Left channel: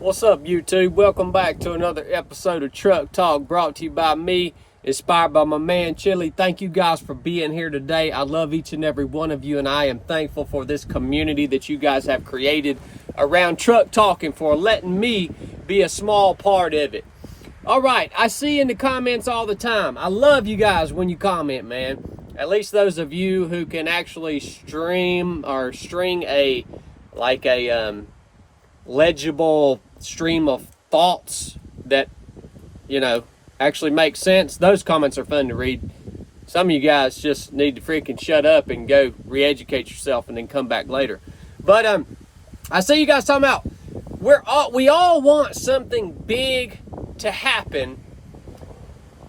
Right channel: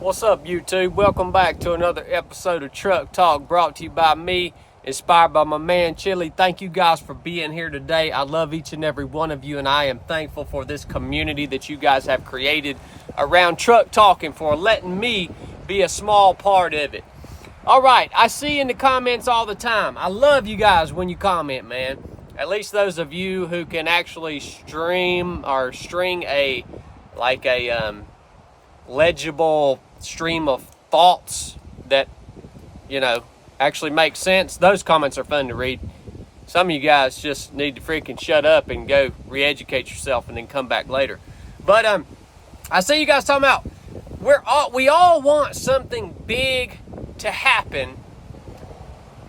What's up, YouTube? Welcome back to another episode of Truck Talk, brought to you by me, inspired by my man Chili. Thank you guys for being here today. I love each and every one of you, and I am thankful for this community that you guys have created around Truck Talk and for letting me be a small part of it. All right, I see in the comments all the time. I love you guys when you comment, man. At least those of you who can actually stream or string a legible stream of thoughts that, actually make sense. Those comments are fun to read. Some of you guys just need to freaking shut up and go re-educate yourself and then come back later. But I see you guys talking about we all want something big to happen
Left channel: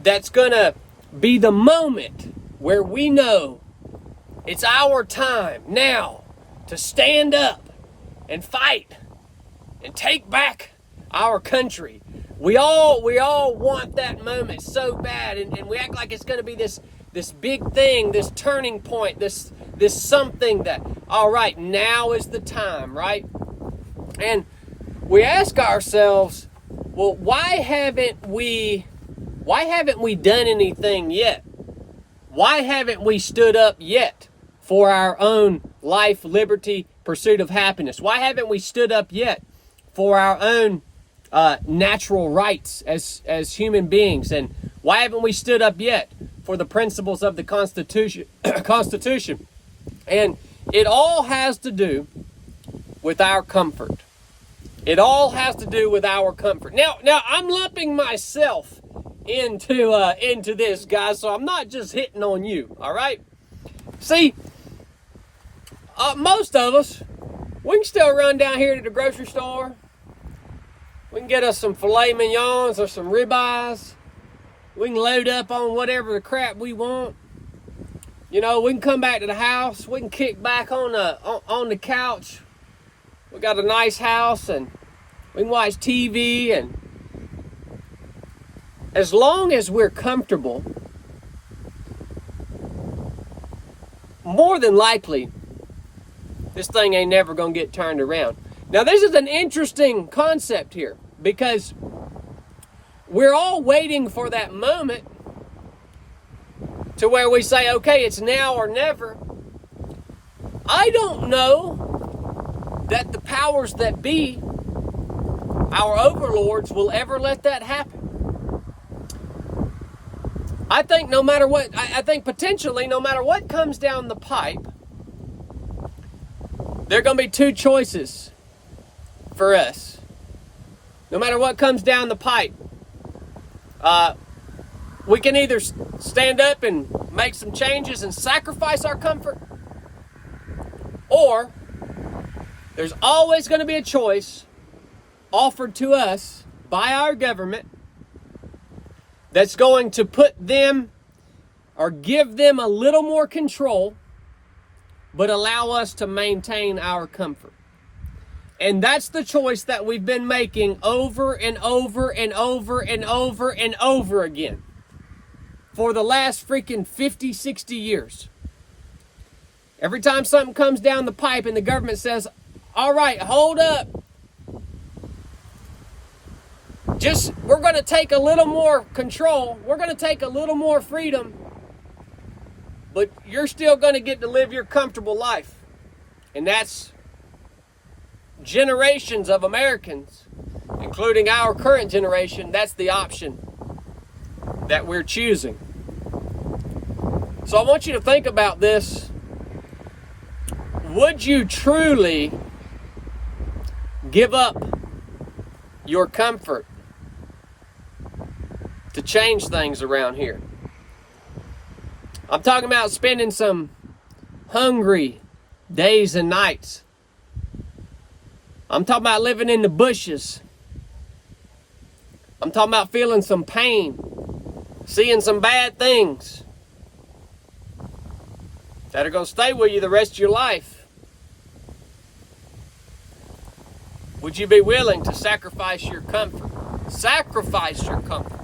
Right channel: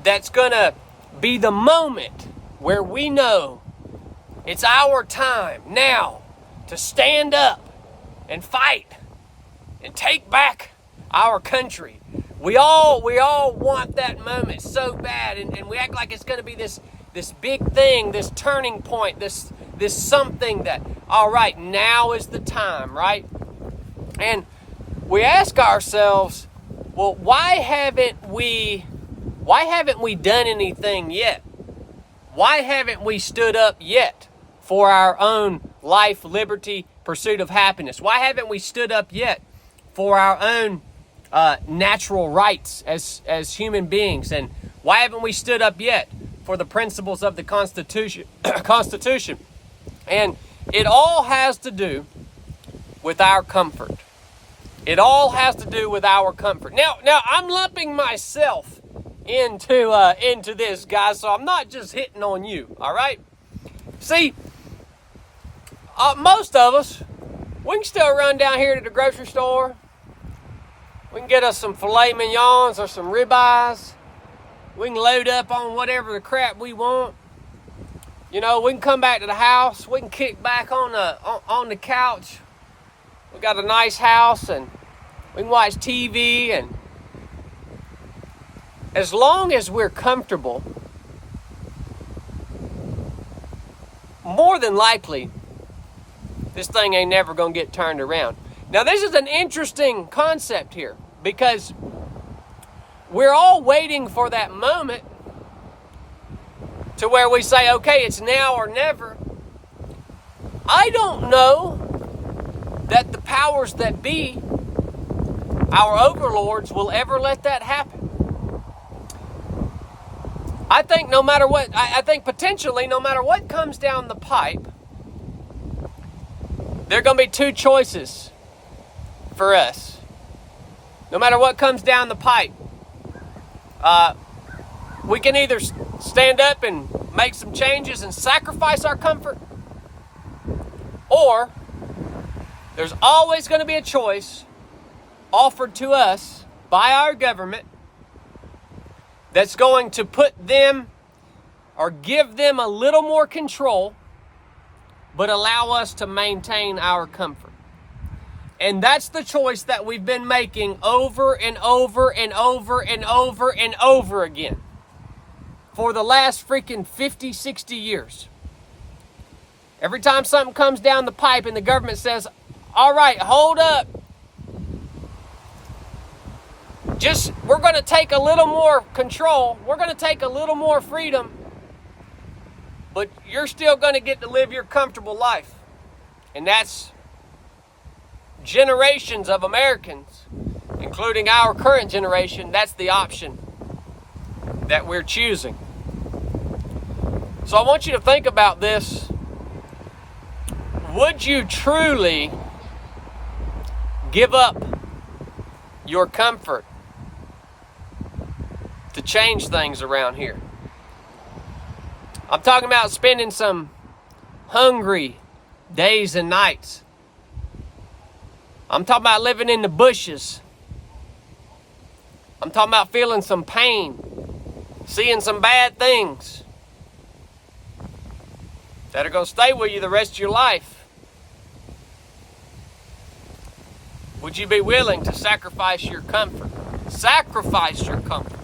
that's gonna be the moment where we know it's our time now to stand up and fight and take back our country. We all want that moment so bad, and we act like it's going to be this big thing, this turning point, this something that, all right, now is the time, right? And we ask ourselves, well, why haven't we done anything yet? Why haven't we stood up yet for our own life, liberty, pursuit of happiness? Why haven't we stood up yet for our own natural rights as human beings? And why haven't we stood up yet for the principles of the Constitution? And it all has to do with our comfort. It all has to do with our comfort. Now I'm lumping myself into this, guys, so I'm not just hitting on you, all right? See, most of us, we can still run down here to the grocery store. We can get us some filet mignons or some ribeyes. We can load up on whatever the crap we want. We can come back to the house. We can kick back on the couch. We got a nice house, and we can watch TV. And as long as we're comfortable, more than likely, this thing ain't never gonna get turned around. Now, this is an interesting concept here, because we're all waiting for that moment to where we say, okay, it's now or never. I don't know that the powers that be, our overlords, will ever let that happen. I think potentially, no matter what comes down the pipe, there are going to be two choices for us. No matter what comes down the pipe, we can either stand up and make some changes and sacrifice our comfort, or there's always going to be a choice offered to us by our government that's going to put them or give them a little more control, but allow us to maintain our comfort. And that's the choice that we've been making over and over and over and over and over again for the last freaking 50, 60 years. Every time something comes down the pipe and the government says, all right, hold up. We're going to take a little more control. We're going to take a little more freedom. But you're still going to get to live your comfortable life. And that's generations of Americans, including our current generation. That's the option that we're choosing. So I want you to think about this. Would you truly give up your comfort to change things around here? I'm talking about spending some hungry days and nights. I'm talking about living in the bushes. I'm talking about feeling some pain, seeing some bad things that are going to stay with you the rest of your life. Would you be willing to sacrifice your comfort? Sacrifice your comfort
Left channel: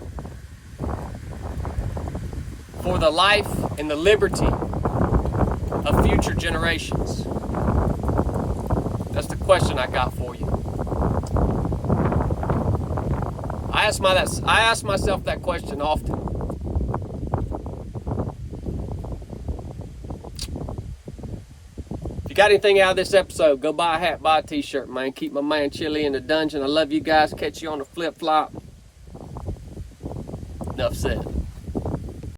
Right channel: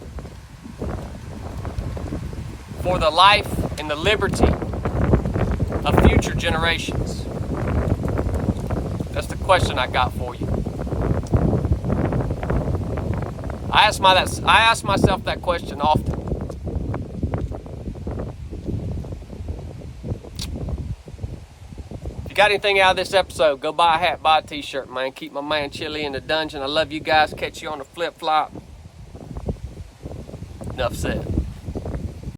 for the life and the liberty of future generations? That's the question I got for you. I ask myself that question often. If you got anything out of this episode, go buy a hat, buy a t-shirt, man. Keep my man Chili in the dungeon. I love you guys. Catch you on the flip-flop. Enough said.